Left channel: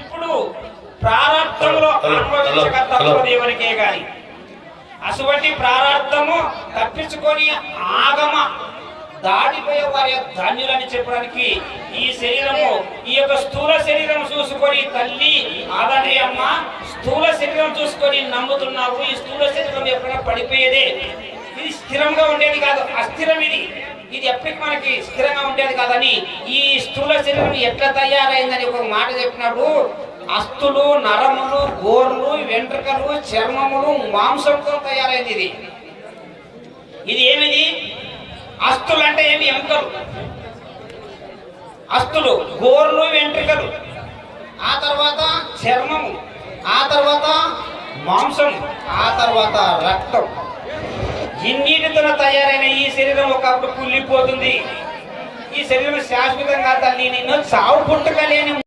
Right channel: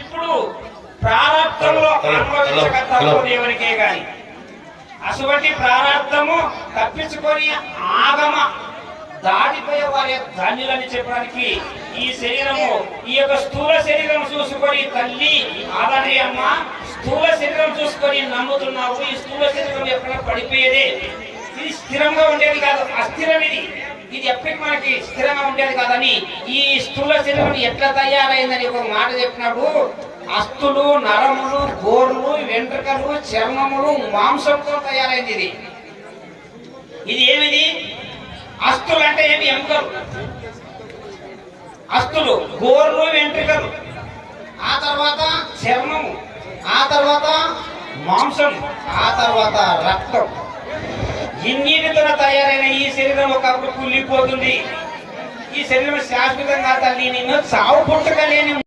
ఇప్పుడు ప్రారంభంలో అనుభవించక తప్పదు దేవునికే గాని అటువంటి ప్రారంభము తప్పించుకొని ఆగమ దాటిపోయే వారి ధన్యులని చెప్పడానికి ఈ శరీరము ఈ యొక్క స్థూల శరీరం చూసుకొని తల్లి ఆదని అమ్మ స్థూల శరీరం చూసుకొని నమ్ముతున్నావు. ఈ స్థూల శరీరం ఎప్పుడైనా పడిపోయేదే, ఇది స్థిరంగా ఉండేది కాదు, అస్థిరం ఇది ఎప్పటికి మనకి స్థిరంగా ఉండేది కాదని ఈ స్థూల శరీరం ఎట్లా తయారైందని ఒక మాట చెప్పినప్పుడు అస్థులు, నరములు, గోర్లు, వెంట్రుకలు, చర్మములు, మాంసంతో తయారైంది. ఇది ఏమిది? అస్థులు అంటే ఏమి? ఎముకలు. అస్థులు, గోర్లు, వెంట్రుకలు, ఆ తర్వాత చర్మము, ఆ తర్వాత మాంసం, ఆ తర్వాత రక్తం. ఇన్నిటితో తయారైన ఈ శరీరం ఒకప్పుడు కుళ్ళిపోతుంది. ఈ శరీరం శాశ్వతంగా తల్లి నిన్ను చావు పుట్టుక లేని